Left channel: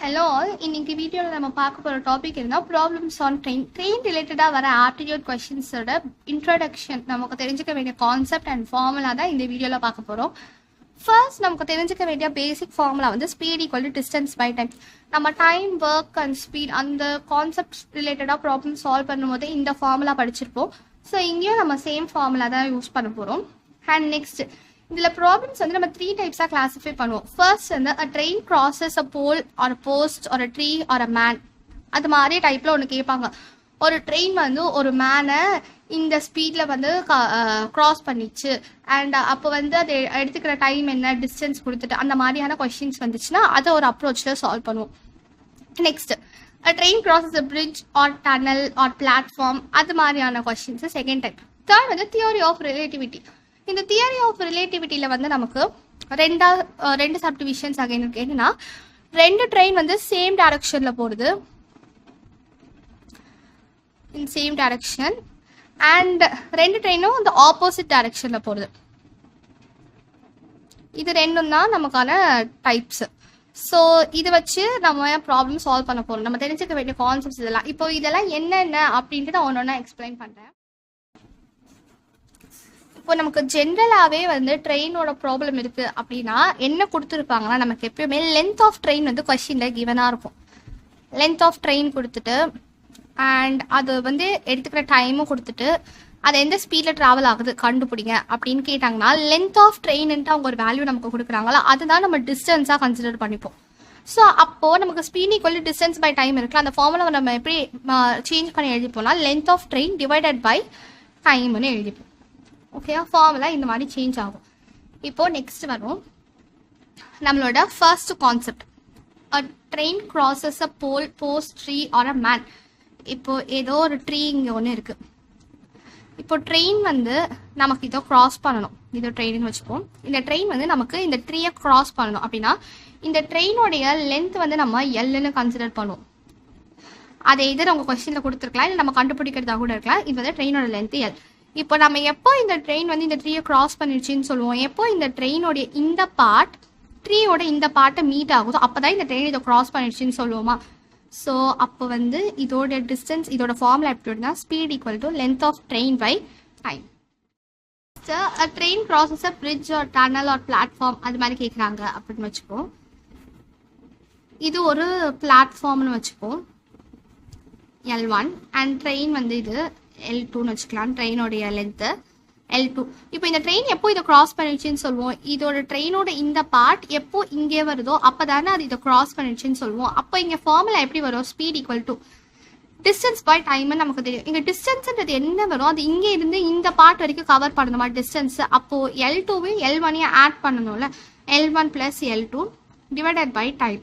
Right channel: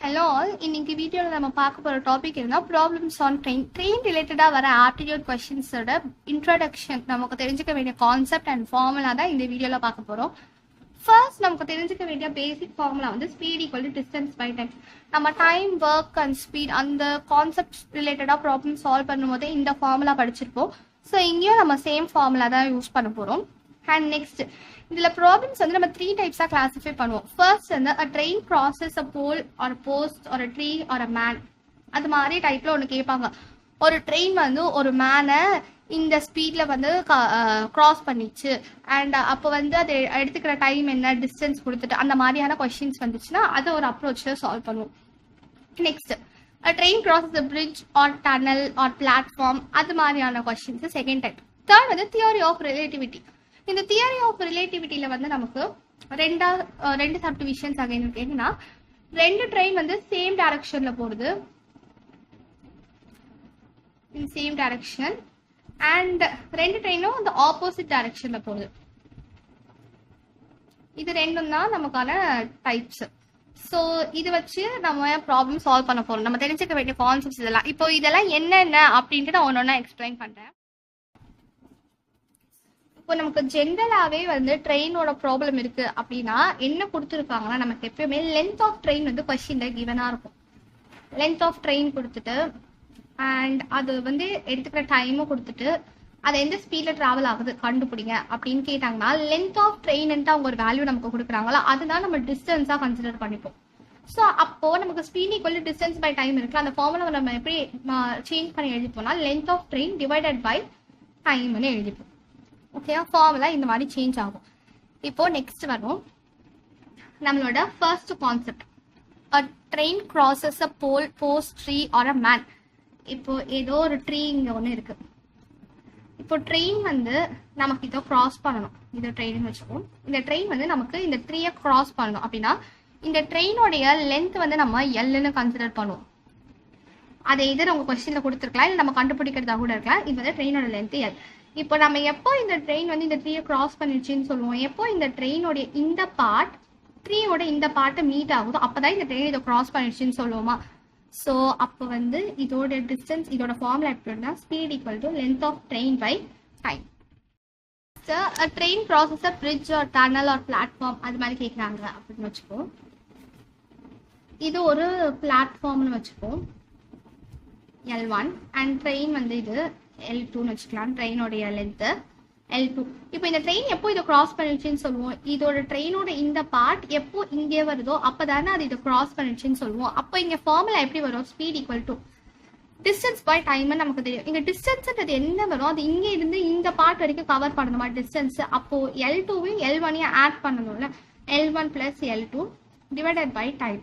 Hello all, இன்னைக்கு வீடியோவில் நம்ம பார்க்க போகிற டாபிக் என்ன ப்ராப்ளம்ஸ் ஆன் ட்ரெயின் ரிலேட்டடாக வர ஆப்டிடியூட் கொஷின்ஸோட இன்ட்ரடக்ஷன், நமக்கு தெரிஞ்சுக்க வேண்டிய கான்செப்ட் அண்ட் ஃபார்முலா தான் இந்த வீடியோவில் பார்க்க போகிறோம். ஃபர்ஸ்ட் நமக்கு தெரிஞ்சுக்க வேண்டிய பேசிக் ஃபார்முலா வந்து speed equal to distance by time. நம்ம டைம், ஒர்க் அண்ட் ஸ்பீட் அந்த கான்செப்ட் ரிலேட்டடாக ப்ராப்ளம் சால்வ் பண்ணும்போது இந்த ஃபார்முலா படிச்சிருப்போம். ஸோ இங்கேயும் நம்ம சேம் ஃபார்முலா தான் யூஸ் பண்ண போகிறோம். அண்ட் நெக்ஸ்ட் இதில் ப்ராப்ளம்ஸ் வந்து நம்ம 3 டைப்ஸாக கிளாஸிஃபை பண்ணுவோம். ஃபர்ஸ்ட் வந்து a train crosses a pole or post or a tree or a man. அது மாதிரி டைப்பில் ஒன்று கேட்பாங்க. ஒரு ட்ரெயின் வந்து ஒரு மேனை இந்த ஸ்பீடில் வந்து க்ராஸ் பண்ணிச்சு அண்ட் அப்போ வந்து அது எடுத்துக்கிற டைம் என்ன, டிஸ்டன்ஸ் கொடுத்துட்டு அந்த மாதிரியான கொஷின்ஸ் வந்துச்சுன்னா அதை ஒரு அப்ரோச்சில் சால்வ் பண்ணுவோம். Next a train crosses a bridge or tunnel or platform, அது மாதிரியான கொஷின்ஸ் செகண்ட் டைப். தேர்ட் வந்து தியரி ஆஃப் ரிலேட்டிவிட்டி. இந்த தியரி ஆஃப் ரிலேட்டிவிட்டியில் வந்து நமக்கு ரெண்டு சப்டிவிஷன்ஸ் அகைன் இருக்குன்னா, ரெண்டு ட்ரெயின் வந்து சேம் டைரக்ஷனில் போகுது இன் சேம் டைரக்ஷன் அண்ட் ரெண்டு ட்ரெயினும் இந்த ஆப்போசிட் டைரக்ஷனில் போகுது. இது ரெண்டும் தான் நமக்கான டைப்ஸ். ஸோ இது வச்சு நம்ம ப்ராப்ளம் சால்வ் பண்ண போகிறோம். நம்ம தெரிஞ்சுக்க வேண்டிய கான்செப்ட்ஸ் இதெல்லாம். இப்போ இதெல்லாம் என்னென்ன அப்படின்ட்டு நான் ஒன்று எக்ஸ்பிளைன் பண்ணுறேன். இப்போ நமக்கு ஜென்ரலாகவே வந்து ட்ரெயினோட ப்ராப்ளம் இருக்குது அப்படின்னா என்ன கொடுத்துருப்பாங்கன்னா, நமக்கு எப்பயுமே லென்த் ஆஃப் ட்ரெயின் வந்து கொஷினில் கிவனாக இருக்கும். லென்த் ஆஃப் ட்ரெயின் கொடுத்துட்டு அண்ட் அது வந்து எடுத்துக்கிற டைமும் கொடுத்துட்டு அது எந்த ஸ்பீடில் ட்ராவல் ஆகுது கண்டுபிடிங்க அப்படின்னு கேட்டாங்கன்னா, லென்த் ஆஃப் ட்ரெயின்ட்டு அவங்க ஒரு வேல்யூ நமக்கு கொடுக்குறாங்களா, அதுதான் நம்ம டிஸ்டன்ஸாக கன்சிடர் பண்ணிப்போம். ஸோ அப்போது நமக்கு speed equal to distance by time இருக்குல்ல, அந்த ஃபார்முலா நம்ம எப்படி சேஞ்ச் பண்ணி எழுதிப்போம்னா length of train divided by டைம்னு எழுதிப்போம். ஓகேவா? ஃபார்முலா இந்த மாதிரி சேஞ்ச் ஆகும். இப்போது நெக்ஸ்ட் வரும் நம்மளோட first concept, a train crosses a pole, post, tree or a man. இப்போது ஏதோ ஒரு ட்ரீ இங்கே ஒன்று இருக்குது. இப்போ ட்ரெயின் வந்து நமக்கு இதை க்ராஸ் பண்ணணும். இது ட்ரெயின்னு வச்சுப்போம். இந்த ட்ரெயின் வந்து நமக்கு இந்த ட்ரீயை க்ராஸ் பண்ணணும் அப்படின்னா இந்த ட்ரெயினோடைய லென்த் வந்து நம்ம எல்லுன்னு கன்சிடர் பண்ணுவோம். அதை எதிர உங்கள் கொஸ்டினில் கொடுத்துருக்கலாம், இல்லை நம்ம கண்டுபிடிக்கிறதா கூட இருக்கலாம். இது வந்து ட்ரெயினோட லென்த்து எல். இப்போ நம்ம எப்போ இந்த ட்ரெயின் வந்து இந்த ட்ரீயை க்ராஸ் பண்ணிடுச்சின்னு சொல்லுவோம், எப்போ இந்த ட்ரெயினோடைய இந்த பார்ட் ட்ரீயோட இந்த பார்ட்டை மீட் ஆகுதோ அப்போ தான் இந்த ட்ரெயின் இதை க்ராஸ் பண்ணிடுச்சின்னு சொல்லுவோமா. ஸோ அப்போ வந்து இதோட டிஸ்டன்ஸ், இதோட ஃபார்முலா எப்படின்னா speed equal to length of train by time. Train crosses a bridge or tunnel or platform, அது மாதிரி கேட்குறாங்க அப்படின்னு வச்சுப்போம். இது ஒரு பிளாட்ஃபார்ம்னு வச்சுப்போம் L1 அண்ட் ட்ரெயின் வந்து இது L2ன்னு வச்சுக்கலாம். ட்ரெயினோடைய லென்த்து L2. இப்போ இந்த ட்ரெயின் எப்போ இதை க்ராஸ் பண்ணிடுச்சின்னு சொல்லுவோம், இதோட ட்ரெயினோட இந்த பார்ட் எப்போ இங்கே வருதோ அப்போ தானே அது இதை க்ராஸ் பண்ணிடுச்சின்னு சொல்லுவோம். அப்போ இங்கே ஃபார்முலா எப்படி வரும், speed equal to distance by டைம்னு நமக்கு தெரியும். இங்கே டிஸ்டன்ஸ்ன்றது என்ன வரும், அது இங்கே இருந்து இந்த பார்ட் வரைக்கும் கவர் பண்ணணுமா டிஸ்டன்ஸ். அப்போது L2வையும் L1ஐயும் ஆட் பண்ணணும்ல, L1 + L2 divided by time.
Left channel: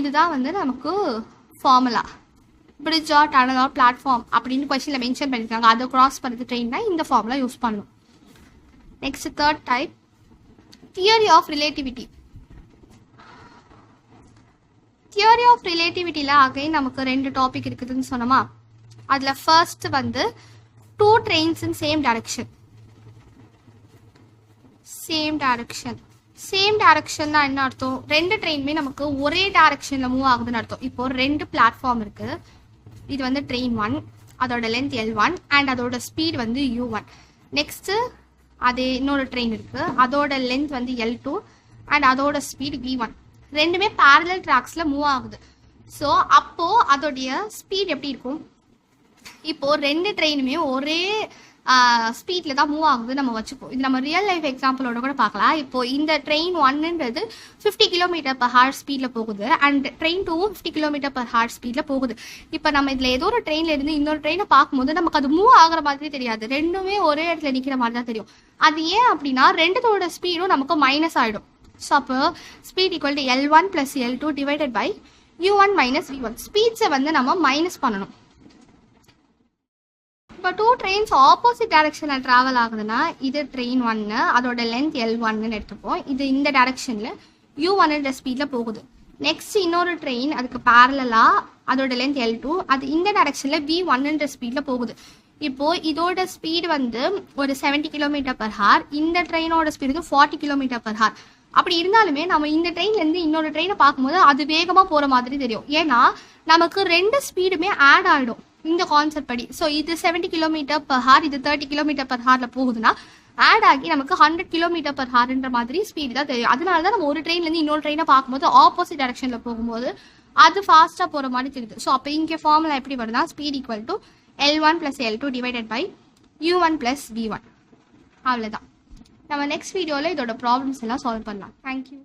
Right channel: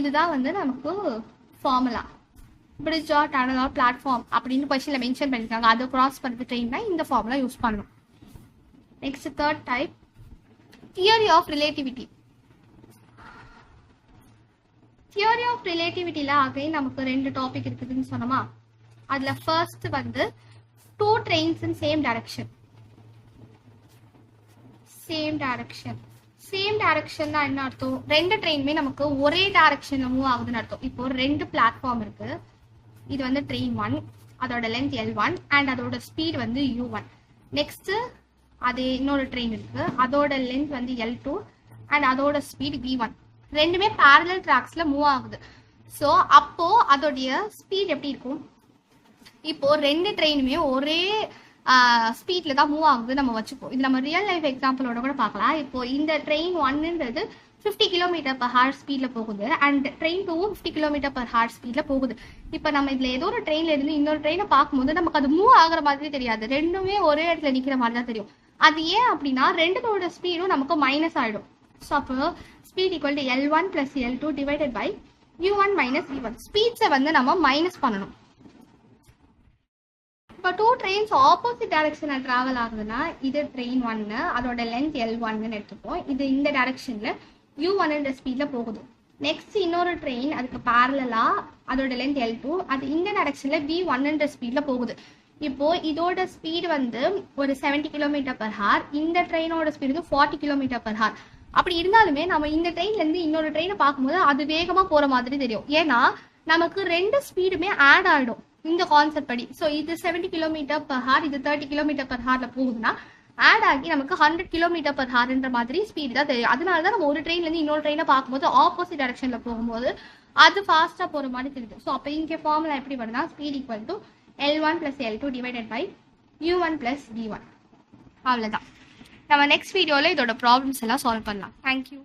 இதுதான் வந்து நமக்கு formula. Bridge or tunnel or platform அப்படின்னு கொஸ்டினில் மென்ஷன் பண்ணியிருக்காங்க, அதை க்ராஸ் பண்ணுறது ட்ரெயின்னா இந்த ஃபார்முலா யூஸ் பண்ணணும். Next third type, theory of relativity. Theory of ரிலேட்டிவிட்டியில் அகைன் நமக்கு ரெண்டு டாபிக் இருக்குதுன்னு சொன்னோமா. அதில் ஃபர்ஸ்ட் வந்து 2 trains in same direction. Same direction தான் என்ன அர்த்தம், ரெண்டு ட்ரெயினுமே நமக்கு ஒரே டைரக்ஷனில் மூவ் ஆகுதுன்னு அர்த்தம். இப்போ ரெண்டு பிளாட்ஃபார்ம் இருக்குது. இது வந்து ட்ரெயின் 1, அதோட லென்த் L1 அண்ட் அதோட ஸ்பீட் வந்து U1. நெக்ஸ்ட்டு அது இன்னொரு ட்ரெயின் இருக்குது, அதோட லென்த் வந்து L2 அண்ட் அதோட ஸ்பீட் V1. ரெண்டுமே பேரலல் ட்ராக்ஸில் மூவ் ஆகுது. ஸோ அப்போது அதோடைய ஸ்பீட் எப்படி இருக்கும், இப்போது ரெண்டு ட்ரெயினுமே ஒரே ஸ்பீடில் தான் மூவ் ஆகுது நம்ம வச்சுப்போம். இது நம்ம ரியல் லைஃப் எக்ஸாம்பிளோட கூட பார்க்கலாம். இப்போது இந்த ட்ரெயின் 1ன்றது 50 km/h ஸ்பீடில் போகுது அண்ட் ட்ரெயின் 2 50 km/h ஸ்பீடில் போகுது. இப்போ நம்ம இதில் ஏதோ ஒரு ட்ரெயினில் இருந்து இன்னொரு ட்ரெயினை பார்க்கும்போது நமக்கு அது மூவ் ஆகிற மாதிரி தெரியாது, ரெண்டுமே ஒரே இடத்துல நிற்கிற மாதிரி தான் தெரியும். அது ஏன் அப்படின்னா ரெண்டுத்தோட ஸ்பீடும் நமக்கு மைனஸ் ஆகிடும். ஸோ அப்போ speed equal to L1 + L2 divided by U1 - V1. ஸ்பீட்ஸை வந்து நம்ம மைனஸ் பண்ணணும். இப்போ 2 trains ஆப்போசிட் டைரக்ஷனில் ட்ராவல் ஆகுதுன்னா இது ட்ரெயின் 1, அதோட லென்த் L1ன்னு எடுத்துப்போம். இது இந்த டைரக்ஷனில் U1 ஸ்பீடில் போகுது. நெக்ஸ்ட் இன்னொரு ட்ரெயின் அதுக்கு பேரலாக அதோட லென்த் L2, அது இந்த டைரக்ஷனில் V1 ஸ்பீடில் போகுது. இப்போது இதோட ஸ்பீடு வந்து ஒரு 70 km/h, இந்த ட்ரெயினோட ஸ்பீடு வந்து 40 km/h. அப்படி இருந்தாலுமே நம்ம இந்த ட்ரெயின்லேருந்து இன்னொரு ட்ரெயினை பார்க்கும்போது அது வேகமாக போகிற மாதிரி தெரியும். ஏன்னா நமக்கு 2 ஸ்பீடுமே ஆட் ஆகிடும் இந்த கான்செப்ட் படி. ஸோ இது 70 km/h, இது 30 km/h போகுதுன்னா ஆட் ஆகி நமக்கு 100 km/hன்ற மாதிரி ஸ்பீடு தான் தெரியும். அதனால தான் நம்ம ஒரு ட்ரெயின்லேருந்து இன்னொரு ட்ரெயினை பார்க்கும்போது ஆப்போசிட் டைரக்ஷனில் போகும்போது அது ஃபாஸ்ட்டாக போகிற மாதிரி தெரியுது. ஸோ அப்போ இங்கே ஃபார்முலா எப்படி வருதுன்னா speed equal to L1 + L2 divided by U1 + V1. அவ்வளோதான். நம்ம நெக்ஸ்ட் வீடியோவில் இதோட ப்ராப்ளம்ஸ் எல்லாம் சால்வ் பண்ணலாம். தேங்க்யூ.